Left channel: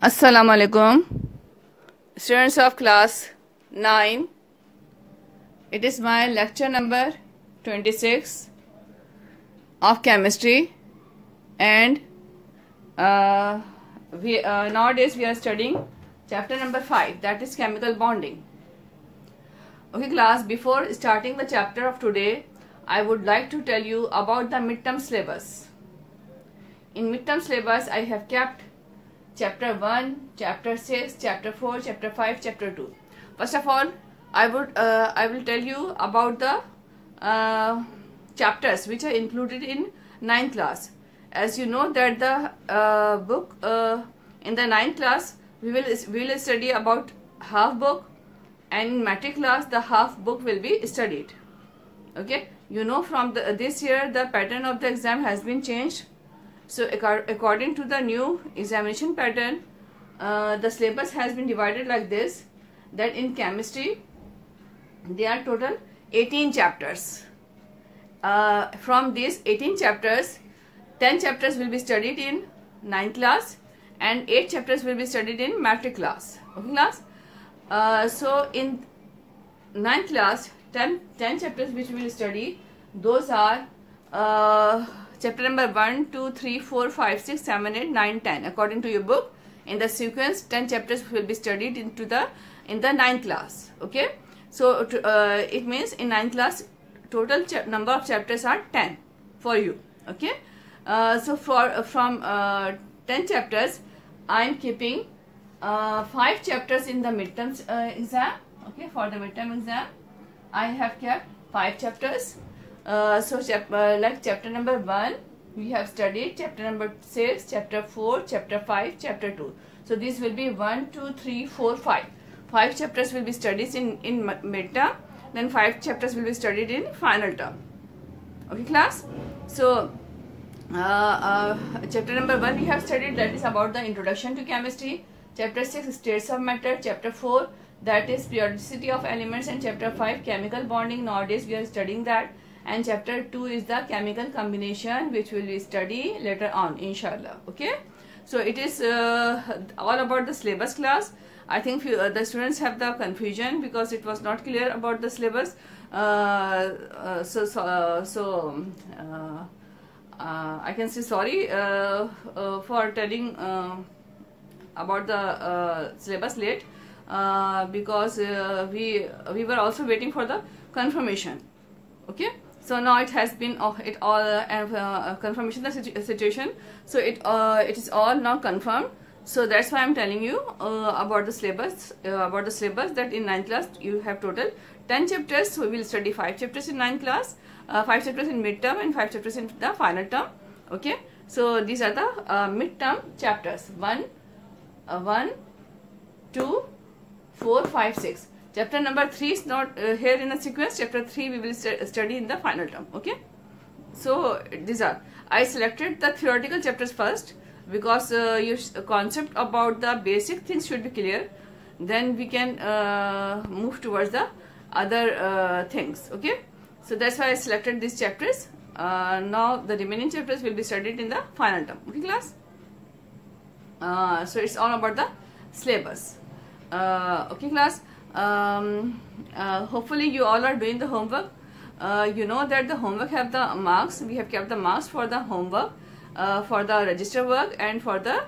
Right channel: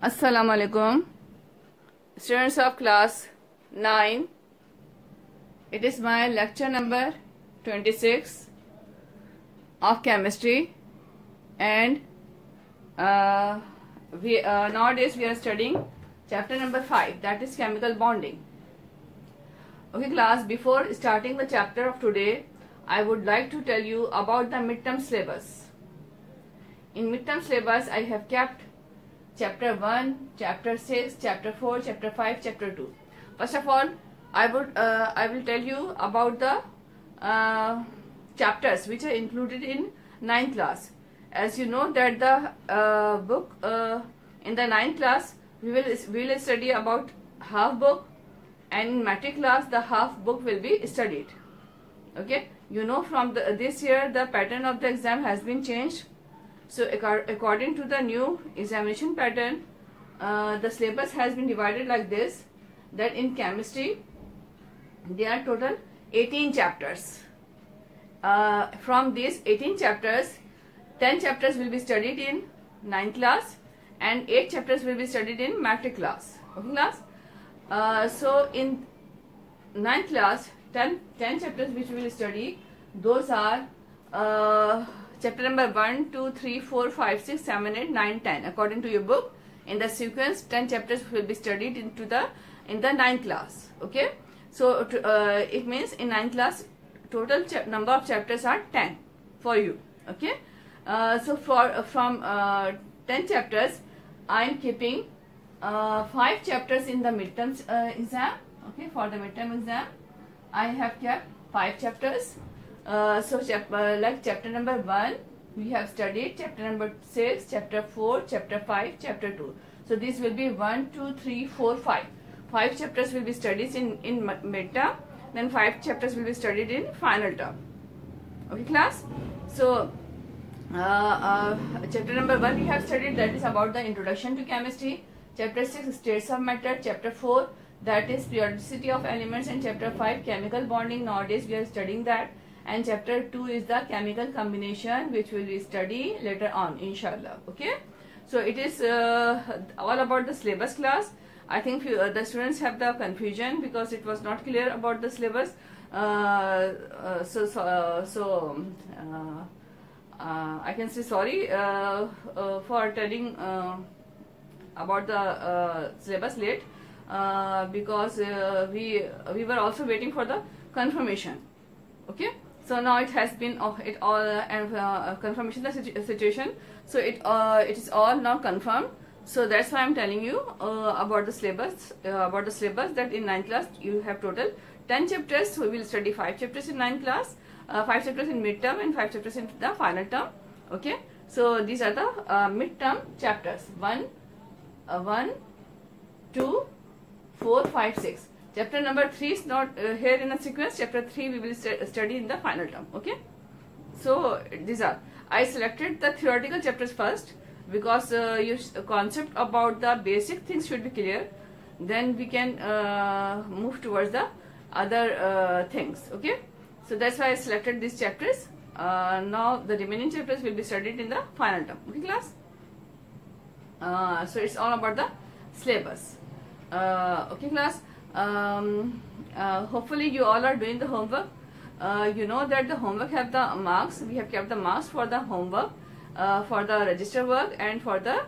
Assalamu alaikum, students of class 9. It is my lecture number 26 of chemistry, and nowadays we are studying chapter number 5, that is chemical bonding. Okay class, before starting the chapter of today, I would like to tell you about the midterm syllabus. In midterm syllabus, I have kept chapter 1, chapter 6, chapter 4, chapter 5, chapter 2. First of all, I will tell you about the chapters which are included in 9th class. As you know that the book in the 9th class we will study about half book, and in matric class the half book will be studied. Okay, you know from this year the pattern of the exam has been changed. So according to the new examination pattern, the syllabus has been divided like this, that in chemistry there are total 18 chapters. From these 18 chapters, 10 chapters will be studied in 9th class and 8 chapters will be studied in matric class. Okay class? So in 9th class, 10 chapters which we will study, those are chapter number 1, 2, 3, 4, 5, 6, 7, 8, 9, 10. According to your book, in the sequence, 10 chapters will be studied in the 9th class. Okay, so it means in 9th class total number of chapters are 10 for you. Okay, so from 10 chapters, I am keeping 5 chapters in the midterm exam. Okay, for the midterm exam, I have kept 5 chapters. So like chapter number 1 we have studied, chapter number 6, chapter 4, chapter 5, chapter 2. So these will be 1, 2, 3, 4, 5. 5 chapters will be studied in midterm, then 5 chapters will be studied in final term. Okay class? So chapter number 1 we have studied, that is about the introduction to chemistry. Chapter 6 states of matter. Chapter 4 that is periodicity of elements, and chapter 5 chemical bonding. Nowadays we are studying that. And chapter 2 is the chemical combination, which we will study later on, inshallah. Okay, so it is all about the syllabus class. I think the students have the confusion because it was not clear about the syllabus. I can say sorry for telling about the syllabus late, because we were also waiting for the confirmation. Okay, so now it has been confirmation the situation. So it is all now confirmed. So that's why I'm telling you about the syllabus. That in 9th class you have total 10 chapters. So we will study 5 chapters in 9th class, 5 chapters in midterm, and 5 chapters in the final term. Okay, so these are the midterm chapters: 1, 2, 4, 5, 6. Chapter number 3 is not here in a sequence. Chapter 3 we will study in the final term. Okay, so these are, I selected the theoretical chapters first because your concept about the basic things should be clear. Then we can move towards the other things. Okay, so that's why I selected these chapters. Now the remaining chapters will be studied in the final term. Okay class? So it's all about the syllabus. Okay class? Hopefully you all are doing the homework. You know that the homework have the marks. We have kept the marks for the homework, for the register work, and for the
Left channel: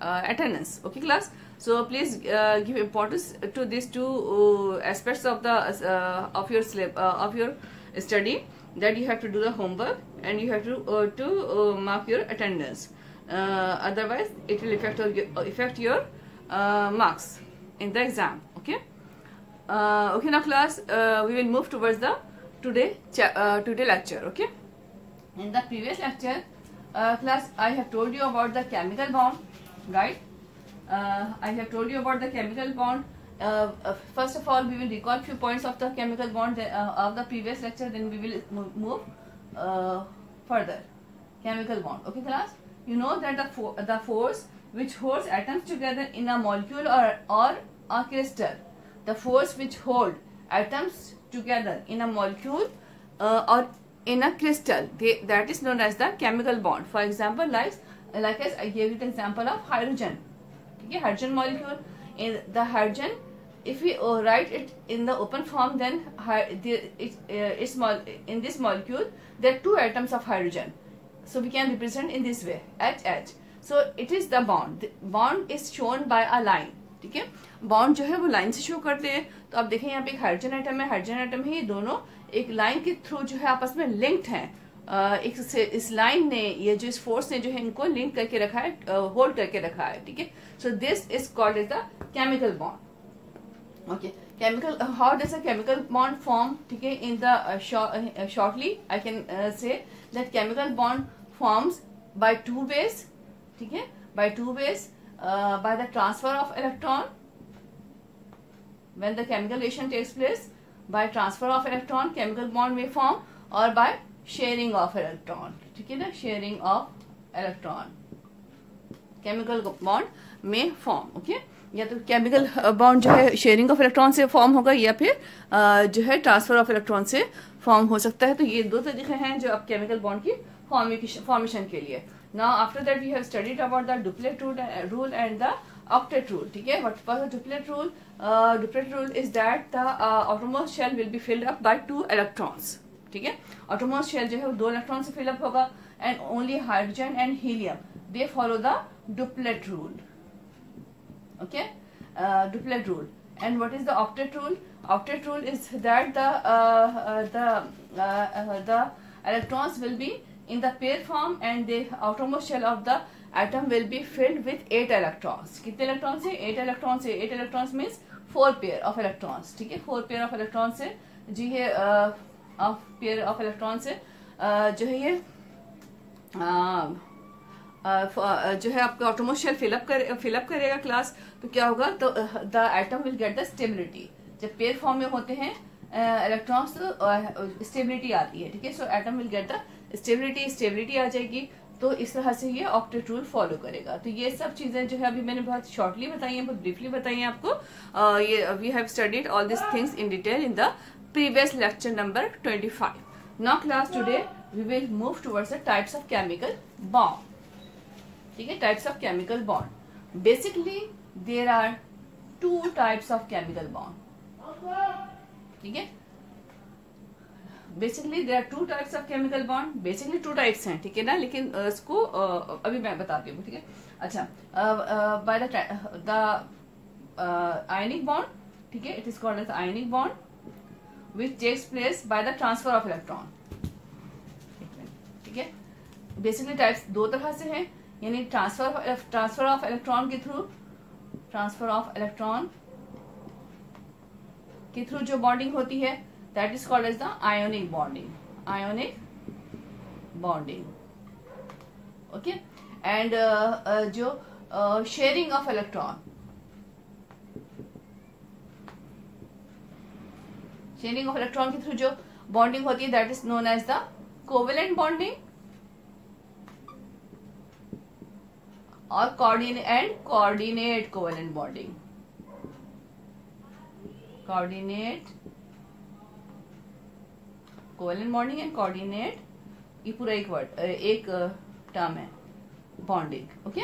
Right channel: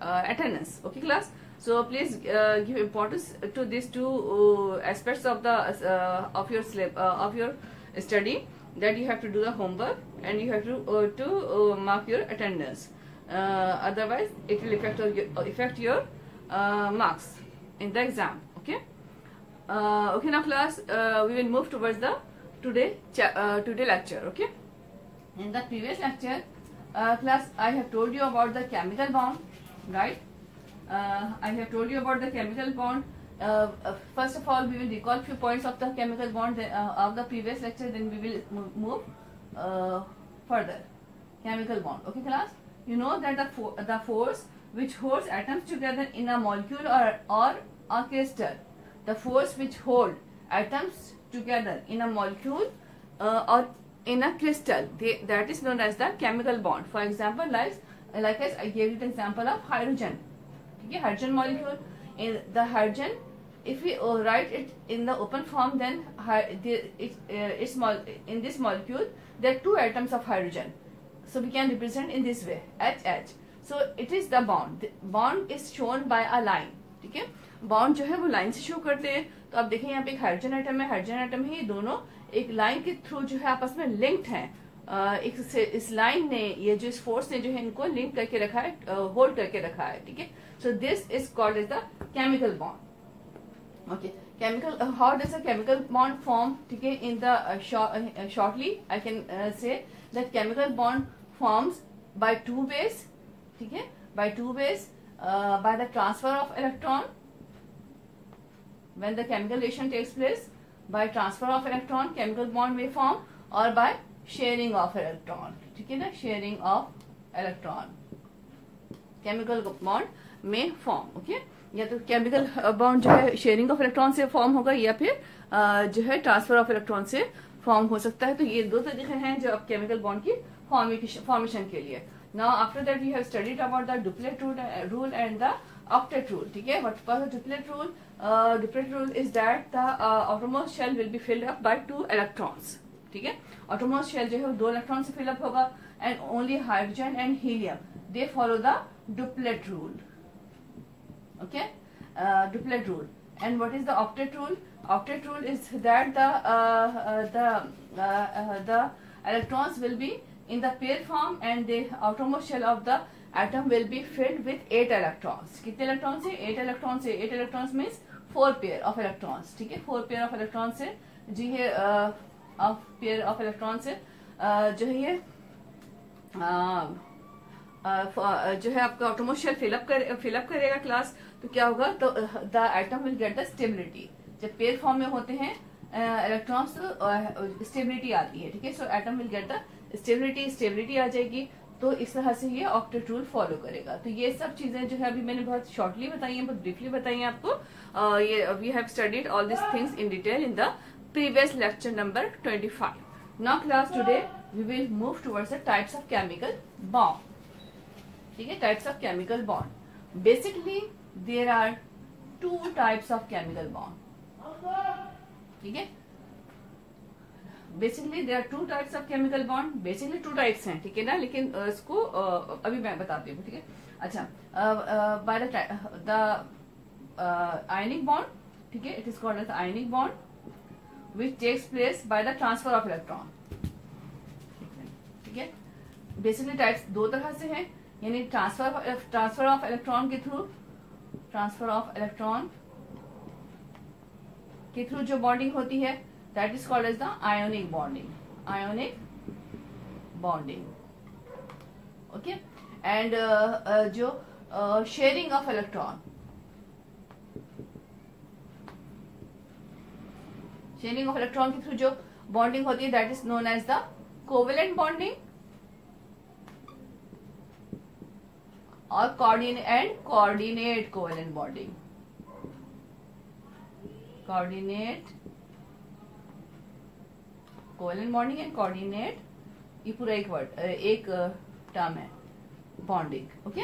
attendance. Okay class? So please give importance to these two aspects of the of your study, that you have to do the homework and you have to mark your attendance. Otherwise it will affect your marks in the exam. Okay, okay now class, we will move towards the today lecture. Okay, in the previous lecture class I have told you about the chemical bond, right? I have told you about the chemical bond. First of all we will recall few points of the chemical bond of the previous lecture, then we will move further. Chemical bond. Okay class, you know that the force which holds atoms together in a molecule or a crystal, the force which hold atoms together in a molecule or in a crystal, that is known as the chemical bond. For example, like like as I gave you the example of hydrogen. ठीक है, hydrogen molecule. In the hydrogen, if we write it in the open form, then in this molecule there are two atoms of hydrogen. So we can represent in this way, HH. So it is the bond. The bond is shown by a line. ठीक है, bond जो है वो line से show करते हैं. तो आप देखें यहाँ पे एक हाइड्रोजन एटम है, हाइड्रोजन एटम है, ये दोनों एक लाइन के थ्रू जो है आपस में लिंक्ड हैं. एक इस लाइन ने, ये जो इस फोर्स ने जो है इनको लिंक करके रखा है, होल्ड करके रखा है. ठीक है, so this is called as the chemical bond. Okay, chemical, how does a chemical bond form? ठीक है, in the shortly I can say that chemical bond forms by two ways. ठीक है, by two ways, by the transfer of electron. When the chemical reaction takes place, by transfer of electron chemical bond may form, or by sharing of electron. ठीक है ना, sharing of electron chemical bond may form. Okay, या तो chemical bond जो है sharing of electron से form होगा, या फिर जो है ट्रांसफर ऑफ इलेक्ट्रॉन से फॉर्म हो सकता है. तो ये दो तरीके हैं जो अब केमिकल बॉन्ड की फॉर्मेशन के लिए. Now after that we have studied about the duplet rule and the octet rule. ठीक है, what was the duplet rule? Duplet rule is that the outermost shell will be filled up by 2 electrons. ठीक है, outermost shell जो है वो 2 electrons से fill up होगा, and only hydrogen and helium they follow the duplet rule. Okay, duplet rule. And what is the octet rule? Octet rule is that the electrons will be in the pair form, and the outermost shell of the atom will be filled with 8 electrons. कितने electrons से? 8 electrons से. 8 electrons means 4 pair of electrons. ठीक है, 4 pair of electrons से जी है, pair of electrons से जो है ये जो है आपका outermost shell fill up करेगा क्लास. तो क्या होगा? तो the atom will get the stability. जब pair form में होते हैं इलेक्ट्रॉन्स तो स्टेबिलिटी आती है. ठीक है, so atom will get the stability आ जाएगी. तो इस तरह से ये ऑक्टेट रूल फॉलो करेगा. तो ये सब चीजें जो है अभी मैंने बहुत शॉर्टली बताई हैं, बहुत ब्रीफली बताई हैं आपको. ये we have studied all this things in detail in the previous lecture number 25. Now class today we will move towards the types of chemical bond. ठीक है, types of chemical bond. Basically there are 2 types of chemical bond. ठीक है, basically there are 2 types of chemical bond. Basically 2 types हैं. ठीक है ना, लेकिन इसको अभी मैं बताती हूँ. ठीक है, अच्छा, बाय द आयनिक बॉन्ड. ठीक है, it is called as ionic bond which takes place by the transfer of electron. ठीक है, बेसिकली टाइप्स 2 तरह से हैं, यानी ट्रांसफर ऑफ इलेक्ट्रॉन के थ्रू, ट्रांसफर ऑफ इलेक्ट्रॉन के थ्रू जो बॉन्डिंग होती है, that is called as the ionic bonding. Ionic bonding. Okay, and जो sharing of electron, sharing of electron के थ्रू जो बॉन्डिंग होती है, that is known as the covalent bonding और coordinate covalent bonding. Coordinate covalent bonding and coordinate, ये पूरा एक word, एक टर्म है, bonding. Okay,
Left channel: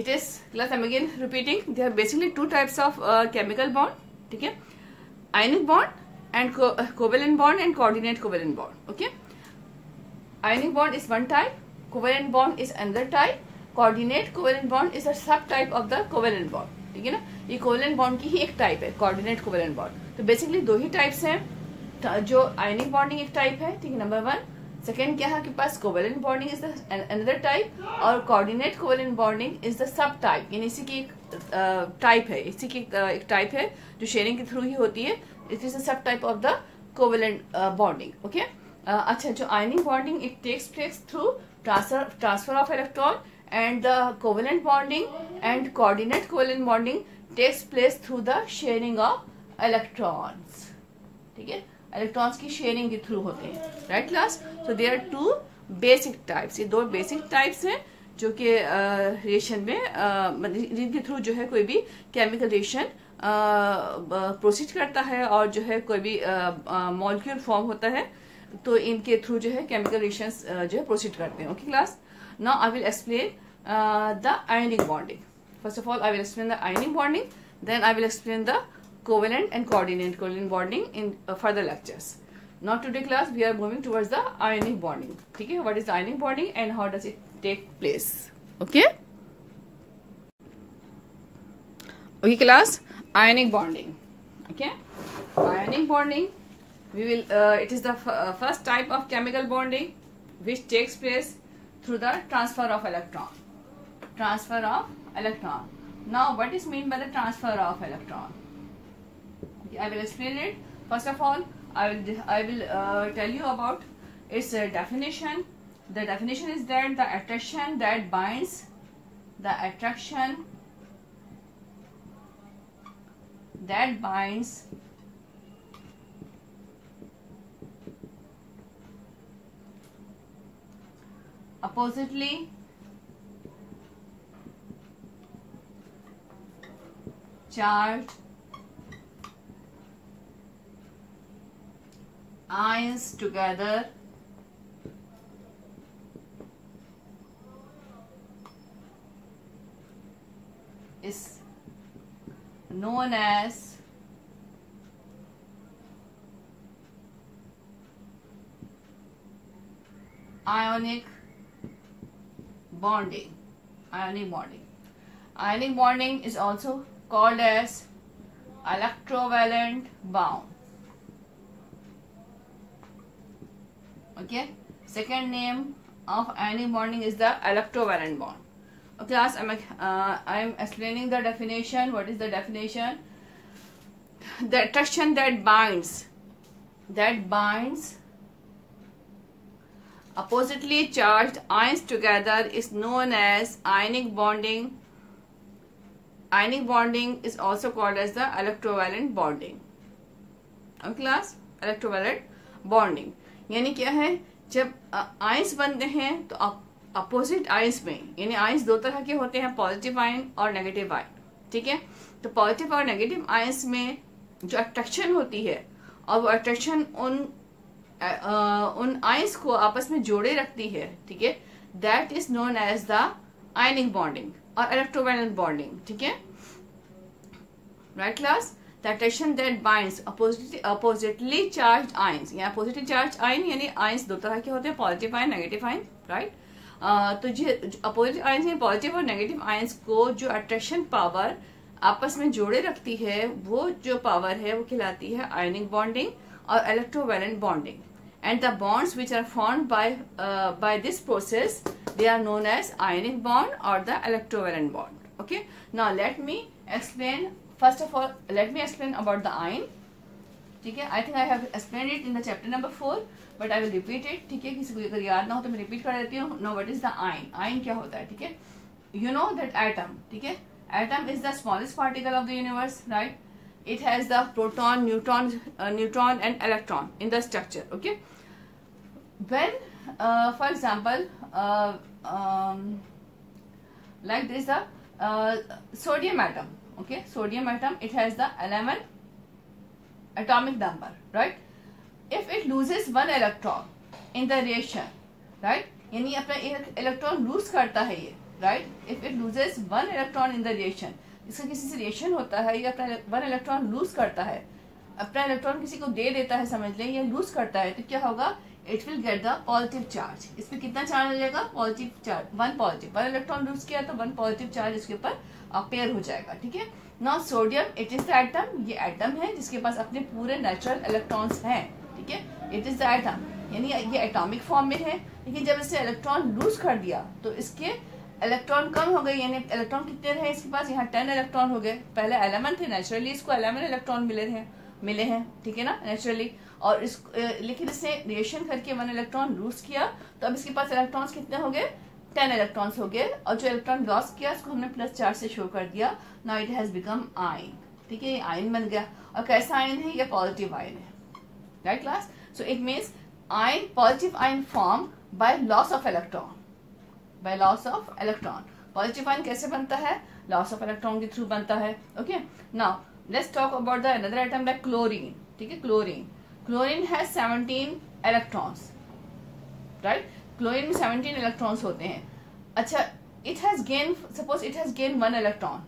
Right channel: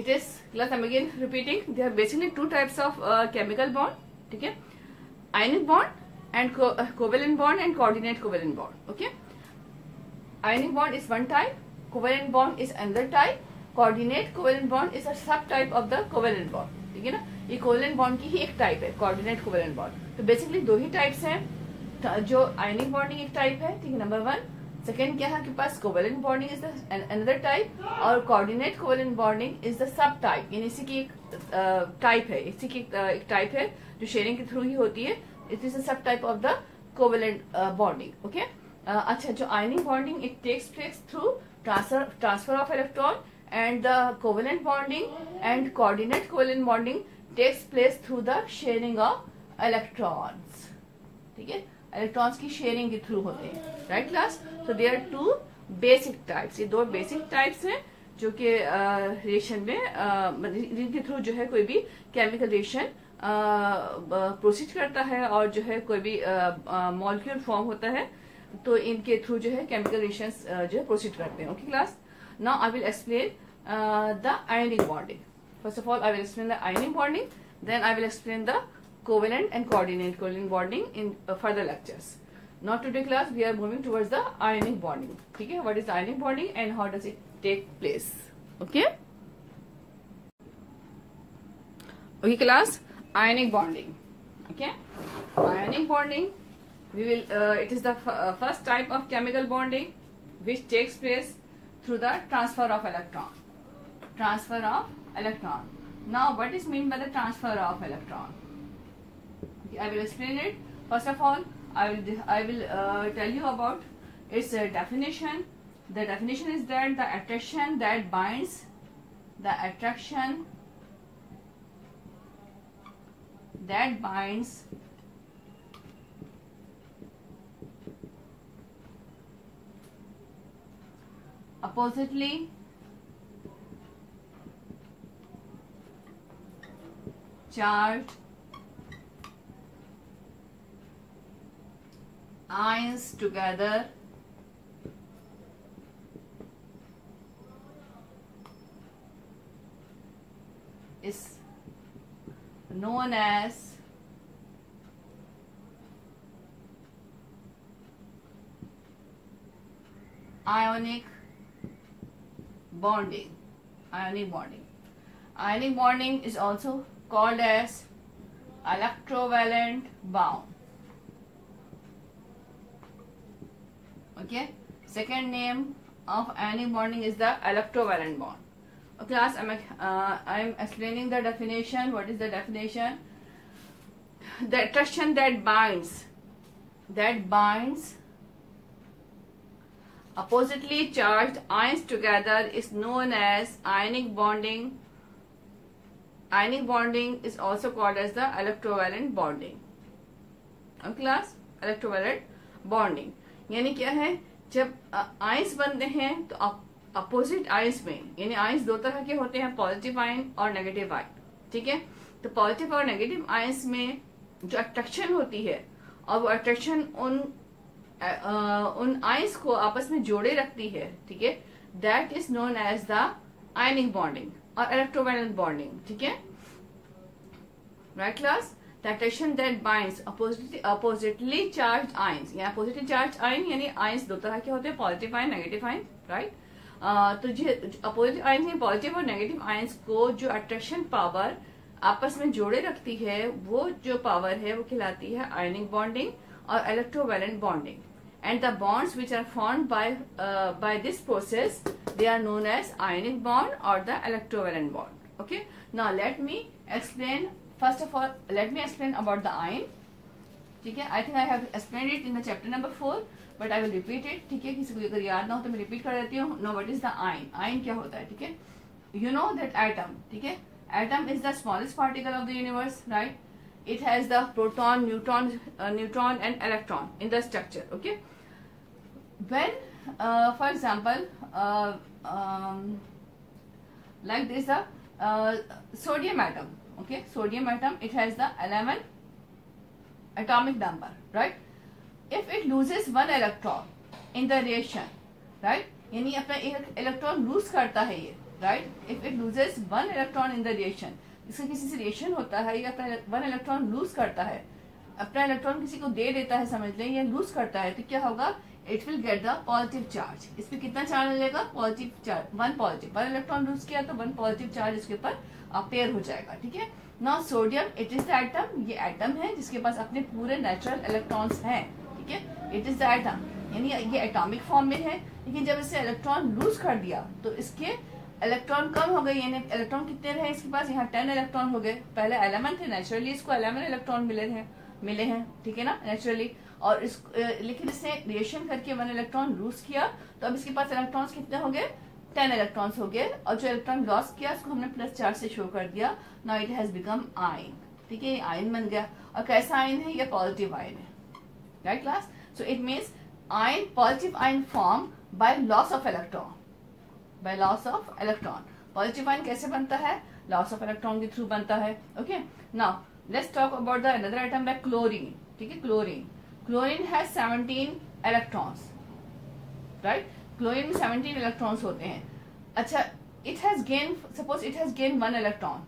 it is class, I am again repeating, there are basically 2 types of chemical bond. ठीक है, ionic bond and covalent bond and coordinate covalent bond. Okay, ionic bond is 1 type, covalent bond is another type, coordinate covalent bond is a sub type of the covalent bond. ठीक है ना, ये covalent bond की ही एक type है, coordinate covalent bond. तो basically 2 ही types हैं. जो आयनिक बॉन्डिंग एक टाइप है. ठीक है, नंबर 1. सेकेंड क्या है आपके पास? Covalent bonding is the another type, और coordinate covalent bonding is the sub type, यानी इसी की एक टाइप है, इसी की एक टाइप है जो शेयरिंग के थ्रू ही होती है. It is the sub type of the covalent bonding. Okay, अच्छा, जो ionic bonding it takes place through transfer of electron, and the covalent bonding and coordinate covalent bonding takes place through the sharing of electrons. ठीक है, electrons की sharing के through होते हैं. Right class, so there are 2 basic types. ये 2 basic types हैं जो कि रिएक्शन में जिनके थ्रू जो है कोई भी केमिकल रिएक्शन प्रोसीड करता है, और जो है कोई भी मॉलिक्यूल फॉर्म होता है, तो इनके थ्रू जो है केमिकल रिएक्शंस जो है प्रोसीड करते हैं. Okay class, Now I will explain the ionic bonding. First of all, I will explain the ionic bonding. Then I will explain the covalent and coordinate bonding in further lectures. Now today class we are moving towards the ionic bonding. Okay, what is the ionic bonding and how does it take place? Okay. Okay class, ionic bonding. Okay, ionic bonding. We will. It is the first type of chemical bonding which takes place through the transfer of electron. Transfer of electron. Now, what is meant by the transfer of electron? Okay, I will explain it. First of all, I will tell you about its definition. The definition is that the attraction that binds, oppositely charged ions together is known as ionic bonding. Ionic bonding is also called as electrovalent bond. Okay, second name of ionic bonding is the electrovalent bond. Okay, class, I am explaining the definition. What is the definition? The attraction that binds oppositely charged ions together is known as ionic bonding. Ionic bonding is also called as the electrovalent bonding. Okay class, electrovalent bonding यानी क्या है, जब ions बनते हैं तो opposite ions में, यानी ions दो तरह के होते हैं, पॉजिटिव आयन और नेगेटिव आयन. ठीक है, तो पॉजिटिव और नेगेटिव आयंस में जो अट्रैक्शन होती है और वो अट्रैक्शन उन आयंस को आपस में जोड़े रखती है. ठीक है, that is known as the ionic bonding और इलेक्ट्रोवैलेंट बॉन्डिंग. ठीक है, right class. The attraction that binds oppositely charged ions, या अपोजिटली चार्ज्ड आयन यानी आयंस दो तरह के होते हैं, positive ion, negative ion. Right, तो जो अपोजिट आयंस यानी पॉजिटिव और नेगेटिव आयंस को जो अट्रैक्शन पावर आपस में जोड़े रखती है, वो जो पावर है वो कहलाती है आयनिक बॉन्डिंग और electrovalent bonding. And the bonds which are formed by this process, they are known as ionic bond or the electrovalent bond. Okay. Now let me explain. First of all, let me explain about the ion. ठीक है, I think I have explained it in the chapter number 4, but I will repeat it. ठीक है, किसी को अगर याद ना हो तो मैं repeat कर देती हूँ. Now what is the ion? Ion क्या होता है? ठीक है, you know that atom. ठीक है, atom is the smallest particle of the universe, right? It has the proton, neutron and electron in the structure. Okay, when for example like this sodium atom. Okay, sodium atom, it has the 11 atomic number, right? If it loses one electron in the reaction, right, यानी अपना electron lose करता है ये, right? If it loses one electron in the reaction, इससे किसी से reaction होता है, ये अपना वन इलेक्ट्रॉन लूज करता है, अपना इलेक्ट्रॉन किसी को दे देता है, समझ लें, ये लूज करता है, तो क्या होगा? It will get the positive charge. इस पे कितना चार्ज मिलेगा? Positive charge, one positive. One electron lose किया तो वन पॉजिटिव चार्ज इसके ऊपर पेयर हो जाएगा. ठीक है, now sodium, it is the atom. ये एटम है जिसके पास अपने पूरे नेचुरल इलेक्ट्रॉन्स हैं. ठीक है, इट इज द एटम, यानी ये एटॉमिक फॉर्म में है, लेकिन जब इसे इलेक्ट्रॉन लूज कर दिया तो इसके इलेक्ट्रॉन कम हो गए. यानी इलेक्ट्रॉन कितने रहे इसके पास? यहाँ 10 इलेक्ट्रॉन हो गए. पहले 11 थे, नेचुरली इसको 11 इलेक्ट्रॉन मिले हैं. ठीक है ना, नेचुरली. और इस लेकिन इसने रिएक्शन करके 1 इलेक्ट्रॉन लूज किया तो अब इसके पास इलेक्ट्रॉन्स कितने हो गए? 10 इलेक्ट्रॉन्स हो गए. और जो इलेक्ट्रॉन लॉस किया उसको हमने प्लस चार्ज से शो कर दिया. Now it has become ion. ठीक है, आयन बन गया. और कैसा आयन है? ये पॉजिटिव आयन है. Right class. So it means ion, positive ion form by loss of electron. By loss of electron. Positive ion कैसे बनता है? लॉस ऑफ इलेक्ट्रॉन के थ्रू बनता है. Okay, now let's talk about the another item like chlorine. ठीक है, chlorine has 17 electrons, right? Chlorine में 17 electrons होते हैं. अच्छा, it has gain, suppose it has gain 1 electron,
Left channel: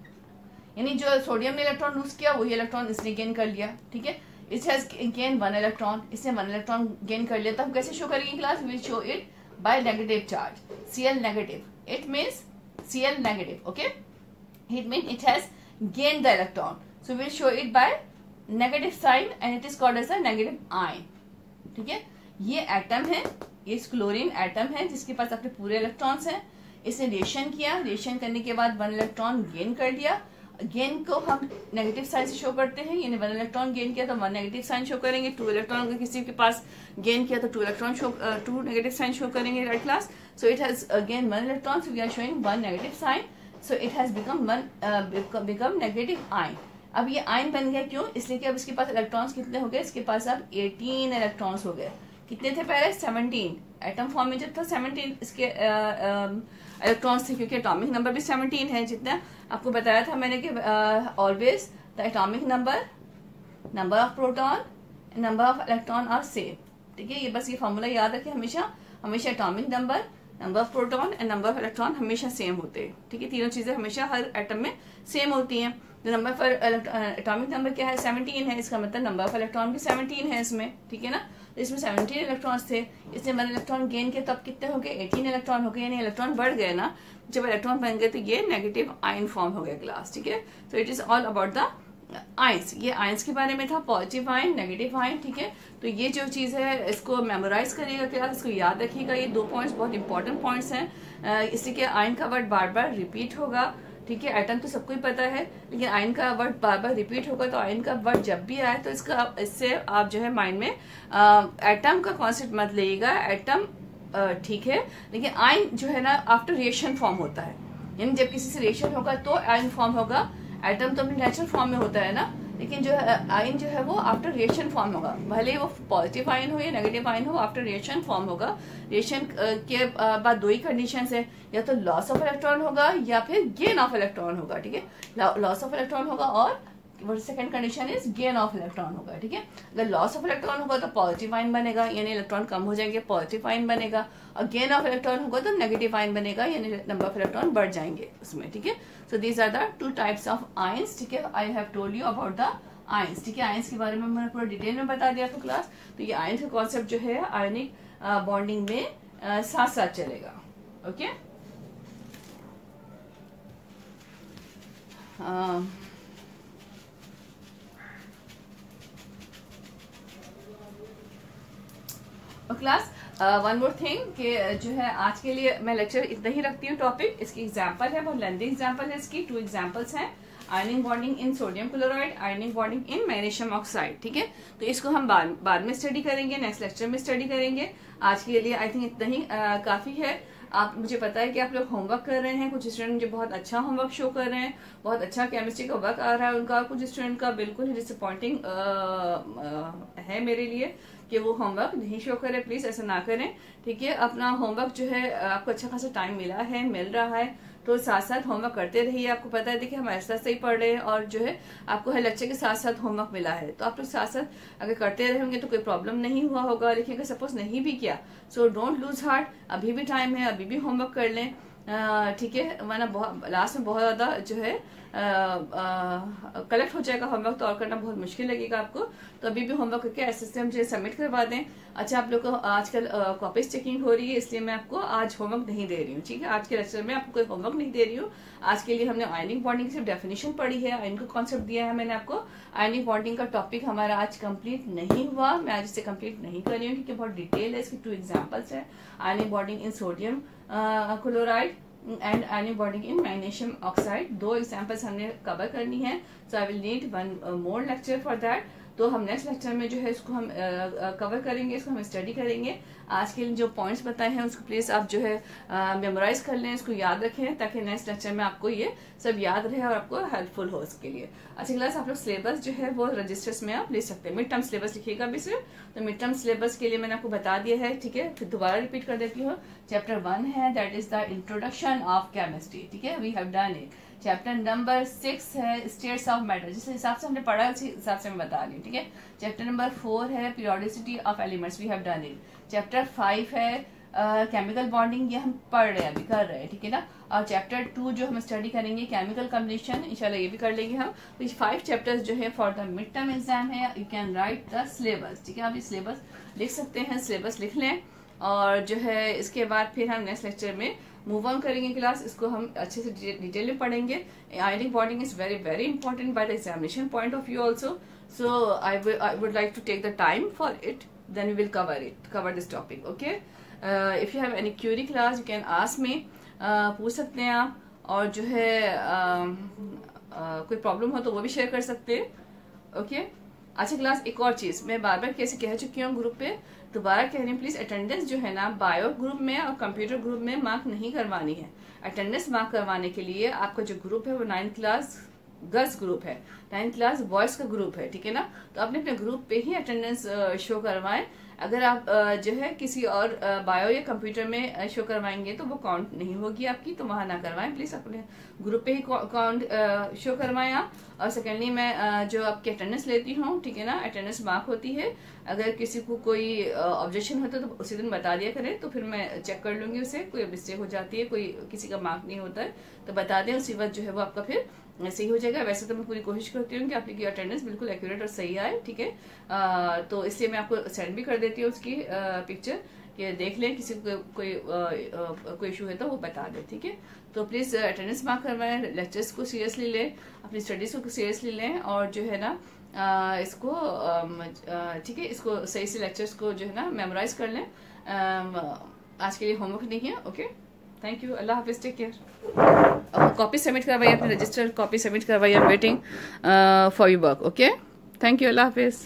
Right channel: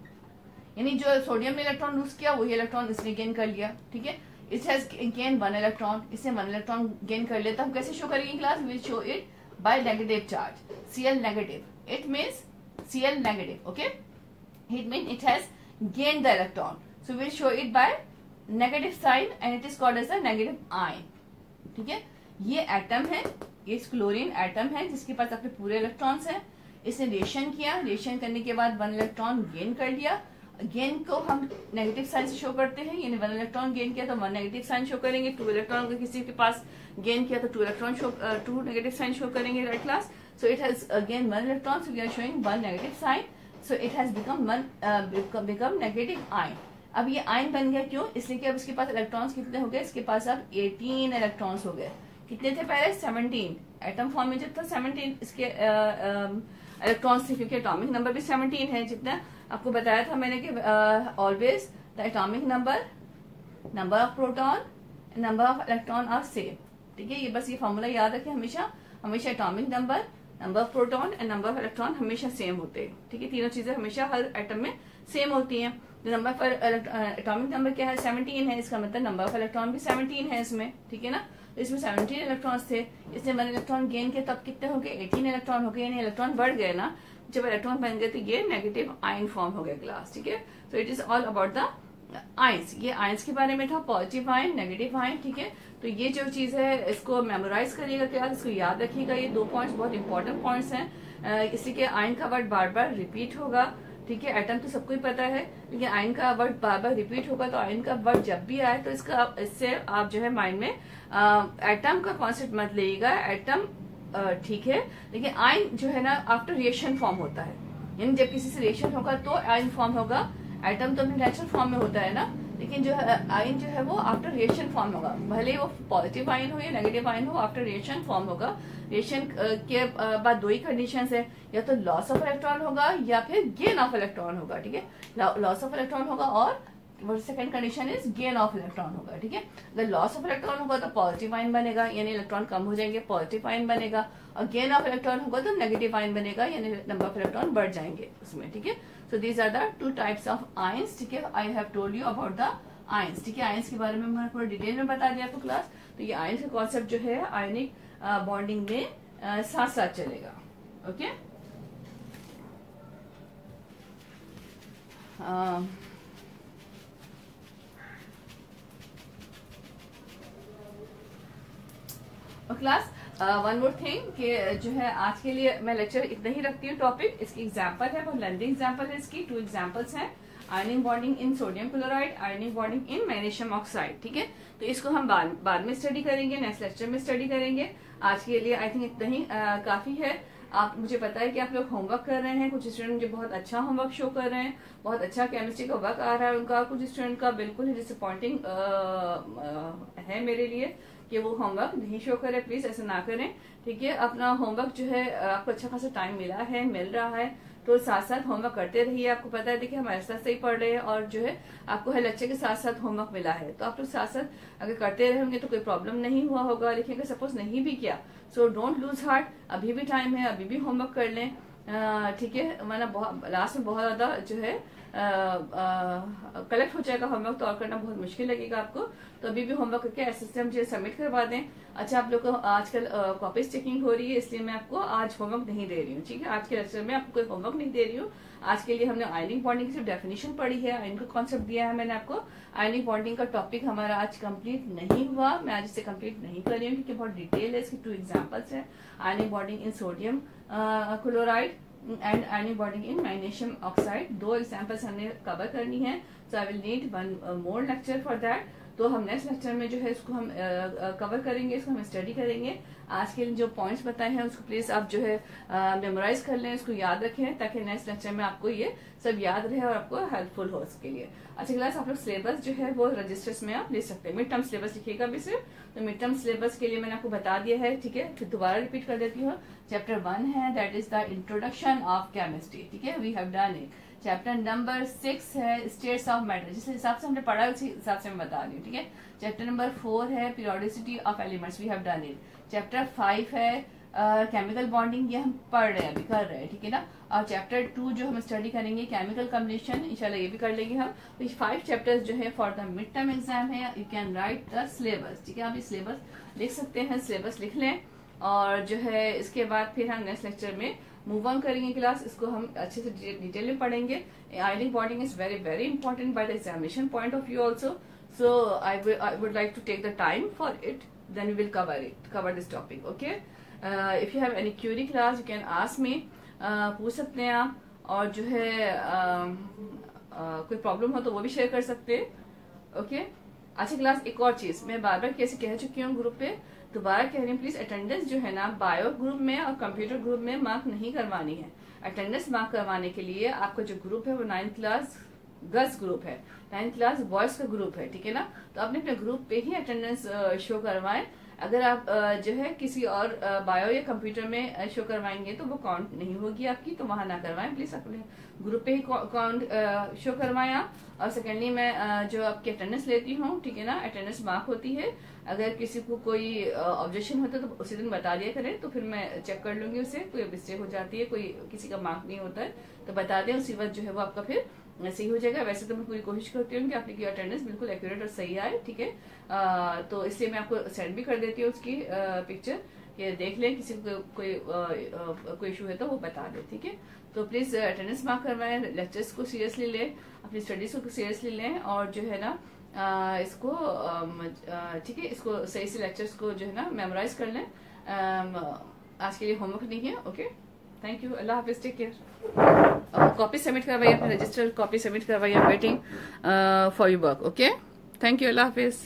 यानी जो सोडियम ने इलेक्ट्रॉन लूज किया वही इलेक्ट्रॉन इसने गेन कर लिया, ठीक है। इट हैज गेन 1 इलेक्ट्रॉन, इसने 1 इलेक्ट्रॉन गेन कर लिया, तो हम कैसे शो करेंगे class? We show it by negative charge, Cl negative, it means Cl negative, okay, it mean it has gain the electron, so we show it by negative sign and it is called as a negative ion, ठीक है। ये atom है, ये chlorine atom है जिसके पास अपने पूरे electrons हैं, इसने रिएक्शन किया, रिएक्शन करने के बाद 1 इलेक्ट्रॉन गेन कर लिया, गेन को हम नेगेटिव साइन से शो करते हैं, यानी 1 इलेक्ट्रॉन गेन किया तो 1 नेगेटिव साइन शो करेंगे, 2 इलेक्ट्रॉन अगर किसी के पास गेन किया तो 2 electron show 2 negative sign show करेंगे, right class. So it has gain 1 electron, so we are showing 1 negative sign, so it has become negative ion. अब ये आयन बन गया, क्यों? इसलिए कि अब इसके पास इलेक्ट्रॉन्स कितने हो गए? इसके पास अब 18 इलेक्ट्रॉन्स हो गए। कितने थे पहले? 17। एटम फॉर्म में जब था 17 इसके इलेक्ट्रॉन्स थे, क्योंकि एटॉमिक नंबर भी 17 है, जितना आपको बताया था मैंने कि always the atomic number of proton, number of electron are same, ठीक है। ये बस ये फॉर्मूला याद रखें हमेशा, हमेशा atomic number of proton and number of electron हमेशा सेम होते हैं, ठीक है। तीनों चीजें हमेशा हर एटम में सेम होती हैं। नंबर ऑफ एटॉमिक नंबर क्या है? 17 है, इसका मतलब नंबर ऑफ इलेक्ट्रॉन भी 17 है इसमें, ठीक है ना। तो इसमें 17 इलेक्ट्रॉन्स थे, इसने 1 इलेक्ट्रॉन गेन किया, तब कितने हो गए? 18 इलेक्ट्रॉन हो गए, यानी इलेक्ट्रॉन बढ़ गए ना। जब इलेक्ट्रॉन बन गए तो ये नेगेटिव आयन फॉर्म हो गया क्लास, ठीक है। तो it is all about the ions. ये आयंस के बारे में था, पॉजिटिव आयन, नेगेटिव आयन, ठीक है। तो ये जो चीज है इसको मेमोराइज करिएगा क्लास, इसको याद रखिएगा। ये 2 पॉइंट्स बहुत इंपॉर्टेंट पॉइंट्स हैं। इसी के आयन का वर्ड बार बार रिपीट होगा, ठीक है। एटम तो सबको ही पता है, लेकिन आयन का वर्ड बार बार रिपीट होगा, तो आयन का वर्ड जब भी आए तो इससे आप जो है माइंड में एटम का कॉन्सेप्ट मत लेगा। एटम ठीक है, लेकिन आयन जो है ना आफ्टर रिएक्शन फॉर्म होता है, यानी जब किसी से रिएक्शन होगा तो आयन फॉर्म होगा। एटम तो अपने नेचुरल फॉर्म में होता है ना, लेकिन जो है आयन जो है वो आफ्टर रिएक्शन फॉर्म होगा, भले वो पॉजिटिव आयन हो या नेगेटिव आयन हो, आफ्टर रिएक्शन फॉर्म होगा। रिएक्शन के बाद 2 ही कंडीशन है, या तो लॉस ऑफ इलेक्ट्रॉन होगा या फिर गेन ऑफ इलेक्ट्रॉन होगा, ठीक है। लॉस ऑफ इलेक्ट्रॉन होगा और second condition is gain of electron होगा, ठीक है। अगर लॉस ऑफ इलेक्ट्रॉन होगा तो पॉजिटिव आयन बनेगा, यानी इलेक्ट्रॉन कम हो जाएंगे, पॉजिटिव आयन बनेगा। और गेन ऑफ इलेक्ट्रॉन होगा तो नेगेटिव आयन बनेगा, यानी नंबर ऑफ इलेक्ट्रॉन बढ़ जाएंगे उसमें, ठीक है। So these are the 2 types of ions, ठीक है। I have told you about the ions, ठीक है। आयंस के बारे में मैंने पूरा डिटेल में बता दिया आपको क्लास। तो ये आयंस का कॉन्सेप्ट जो है आयनिक बॉन्डिंग में साथ साथ चलेगा, okay. Class one more thing कि जो है आज के लिए मैं लेक्चर इतना ही रखती हूँ। टॉपिक इसकी एग्जांपल है, बहुत लेंथी एग्जांपल है इसकी। 2 एग्जांपल्स हैं, आयनिक bonding in sodium chloride, ionic bonding in magnesium oxide, ठीक है। तो इसको हम बाद में स्टडी करेंगे, नेक्स्ट लेक्चर में स्टडी करेंगे। आज के लिए आई थिंक इतना ही काफी है। आप मुझे पता है कि आप लोग होमवर्क कर रहे हैं, कुछ स्टूडेंट मुझे बहुत अच्छा होमवर्क शो कर रहे हैं, बहुत अच्छा केमिस्ट्री का वर्क आ रहा है उनका, और कुछ स्टूडेंट का बिल्कुल ही डिसअपॉइंटिंग है मेरे लिए कि वो होमवर्क नहीं शो करे। प्लीज ऐसा ना करें, ठीक है। अपना होमवर्क जो है आपको अच्छा खासा टाइम मिल रहा है, तो साथ साथ होमवर्क करते रहिए। आपको पता है देखिए हम ऐसा से ही पढ़ रहे हैं, और जो है आपको हर लेक्चर के साथ साथ होमवर्क मिला है, तो आप लोग साथ साथ अगर करते रहेंगे तो कोई प्रॉब्लम नहीं हुआ होगा। लेकिन अगर सपोज नहीं भी किया, सो डोंट लूज हार्ट, अभी भी टाइम है, अभी भी होमवर्क कर लें, ठीक है। वरना लास्ट में बहुत ज्यादा जो है कलेक्ट हो जाएगा होमवर्क, तो और करना बहुत मुश्किल लगेगा आपको। तो अभी भी होमवर्क करके एसएससी मुझे सबमिट करवा दें। अच्छा, आप लोग को आजकल कॉपीज चेकिंग हो रही है, इसलिए मैं आपको आज होमवर्क नहीं दे रही हूँ, ठीक है। आज के लेक्चर में आपको कोई होमवर्क नहीं दे रही हूँ। आज के लिए हमने आयनिक बॉन्डिंग की सिर्फ डेफिनेशन पढ़ी है, आयन का कॉन्सेप्ट दिया है मैंने आपको। आयनिक बॉन्डिंग का टॉपिक हमारा आज कंप्लीट नहीं हुआ, मैं आज इसे कंप्लीट नहीं कर रही हूँ क्योंकि बहुत डिटेल है। इसकी 2 एग्जाम्पल्स है, ionic bonding in sodium chloride and ionic bonding in magnesium oxide. 2 examples हमने कवर करनी है, so I will need 1 more lecture for that. तो हम नेक्स्ट लेक्चर में जो है इसको हम कवर करेंगे, इसको हम स्टडी करेंगे। आज के लिए जो पॉइंट्स बताए हैं उसको प्लीज आप जो है मेमोराइज कर लें, इसको याद रखें, ताकि नेक्स्ट लेक्चर में आपको ये सब याद रहे और आपको हेल्पफुल हो इसके लिए। अच्छा क्लास, आप लोग सिलेबस जो है वो रजिस्टर्स में आप ले सकते हैं। मिड टर्म सिलेबस लिखिएगा भी सिर्फ, तो मिड टर्म सिलेबस के लिए मैंने आपको बता दिया है, ठीक है। फिर दोबारा रिपीट कर देती हूँ। चैप्टर 1 है, that is the introduction of chemistry, ठीक है, we have done it. Chapter number 6 है स्टेट्स ऑफ मैटर, जिस हिसाब से हमने पढ़ा उसी हिसाब से मैं बता रही हूँ, ठीक है। चैप्टर नंबर 4 है periodicity of elements, we have done it. Chapter 5 है केमिकल बॉन्डिंग ये हम पढ़ रहे हैं, अभी कर रहे हैं, ठीक है ना। और चैप्टर 2 जो हम स्टडी करेंगे केमिकल कम्बिनेशन, इंशाल्लाह ये भी कर लेंगे हम। तो 5 चैप्टर्स जो है for the mid term exam है। You can write the syllabus, ठीक है, आप ये सिलेबस लिख सकते हैं, सिलेबस लिख लें। और जो है इसके बाद फिर हम नेक्स्ट लेक्चर में मूव ऑन करेंगे क्लास, इसको हम अच्छे से डिटेल में पढ़ेंगे। Ionic bonding is very very important by the examination point of view also, so I would like to take the time for it, then we will cover this topic, okay? If you have any query class you can ask me, पूछ सकते हैं आप। और जो है कोई problem हो तो वो भी शेयर कर सकते हैं, ओके। अच्छा क्लास, एक और चीज मैं बार बार कैसे कह चुकी हूँ ग्रुप पे, दोबारा कह रही हूँ, प्लीज अटेंडेंस जो है ना बायो ग्रुप में और कंप्यूटर ग्रुप में मार्क नहीं करवानी है। अटेंडेंस मार्क करवाने के लिए आपका जो ग्रुप है वो 9th क्लास गर्ल्स ग्रुप है, 9th क्लास बॉयज का ग्रुप है, ठीक है ना। तो अपने अपने ग्रुप पे ही अटेंडेंस शो करवाएं। अगर आप जो है किसी और बायो या कंप्यूटर में शो करवाएंगे तो वो काउंट नहीं होगी आपकी, तो वहां ना करवाएं प्लीज, अपने ग्रुप पे ही काउंट शो करवाएं आप। और सेकेंडली मैं जो आपकी अटेंडेंस लेती हूँ, ठीक है ना, अटेंडेंस मार्क होती है। अगर किसी को कोई ऑब्जेक्शन होता है तो उसी दिन बता दिया करें, तो फिर मैं चेक कर लूंगी उसे, कोई मिस्टेक हो जाती है, कोई किसी का मार्क नहीं होता है तो बता दें, उसी वक्त जो है वो आपका फिर सही हो जाएगा। वैसे तो मैं पूरी कोशिश करती हूँ कि आपकी अटेंडेंस बिल्कुल एक्यूरेट और सही आए, ठीक है। तो इसलिए मैं आपको सेंड भी कर देती हूँ उसकी पिक्चर, कि देख लें, किसी को कोई इशू है तो वो बता दे, ठीक है। तो प्लीज अटेंडेंस मार्क करवाएं, लेक्चर्स को सीरियसली लें, अपनी स्टडीज को सीरियसली लें, और जो है ना इसको ठीक है, इसको सही से लेक्चर्स को जो है ना मेमोराइज कर लें। आज के लिए होमवर्क नहीं है, ओके। थैंक यू, अल्लाह हाफिज, टेक केयर। कॉपी सबमिट करवाइए, अपने रजिस्टर कॉपी सबमिट करवाइए, waiting for your work, okay. Thank you, अल्लाह हाफिज।